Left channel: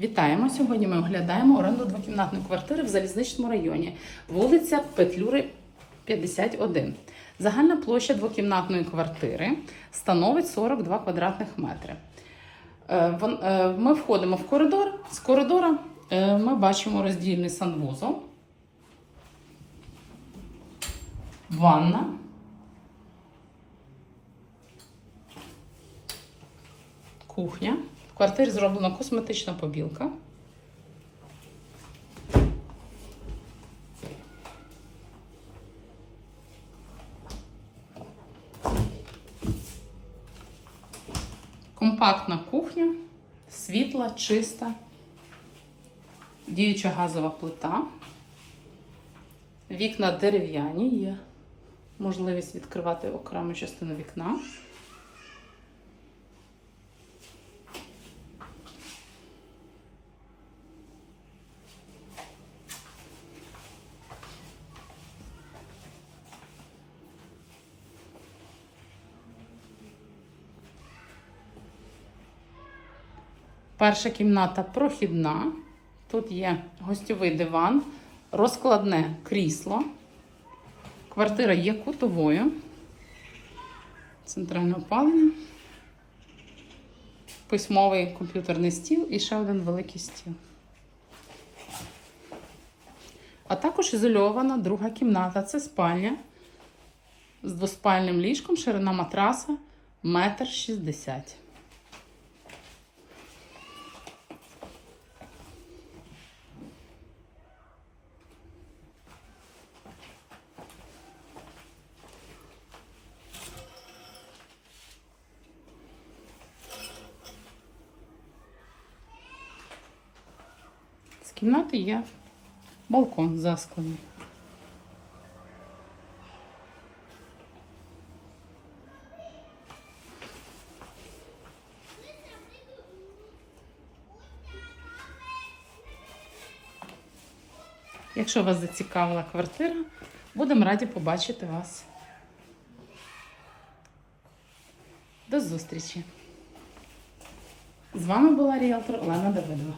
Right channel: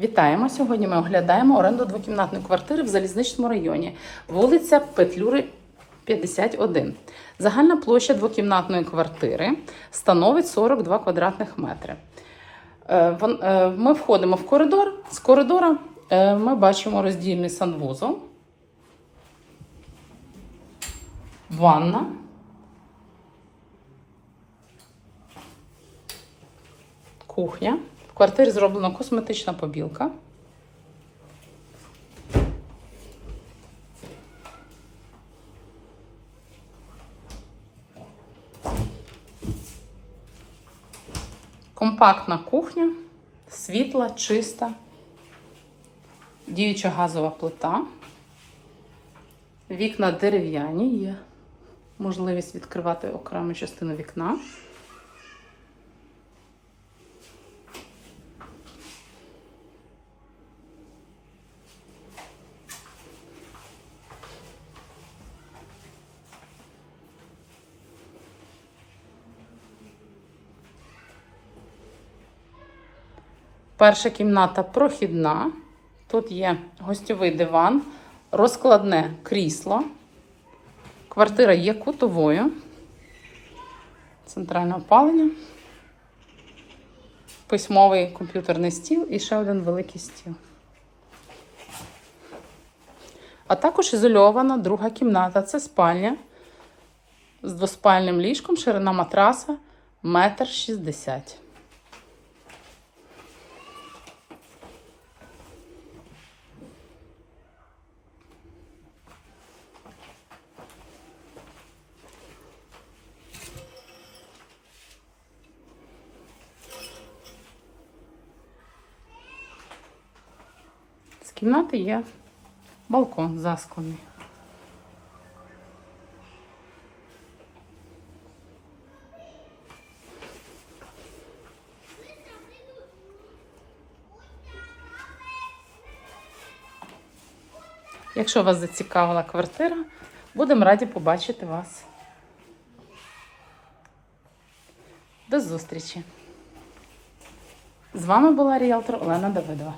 Вітаємо! Сьогодні ми оглядаємо оренду двокімнатної квартири в залізничному районі, вулиця Петлюри, 51. Загальна площа двокімнатної квартири становить 42 квадратних метри. Е, е, Ми входимо в коридор. З коридора е, ми бачимо роздільний санвузол, ванна. Кухня. В квартирі зроблена косметична побілка. Компактна кухня, світла, чиста, діюча газова плита. Вікна дерев'яні, є можливість відкривати окрему частину вікна. Перша кімната прохідна. Тут є гостьовий диван, розкладне крісло. Квартира є кутовою. Центральне опалення. Письмовий комп'ютерний стіл і ще один великий стіл. А також ізольована друга кімната. Це спальня з двоспальним ліжком, ширина матраса метр шістдесят. Кімнати є балкон засклений. Якщо вас зацікавила квартира, будемо раді побачити вас. До зустрічі! З вами була ріелтор Олена Давидова.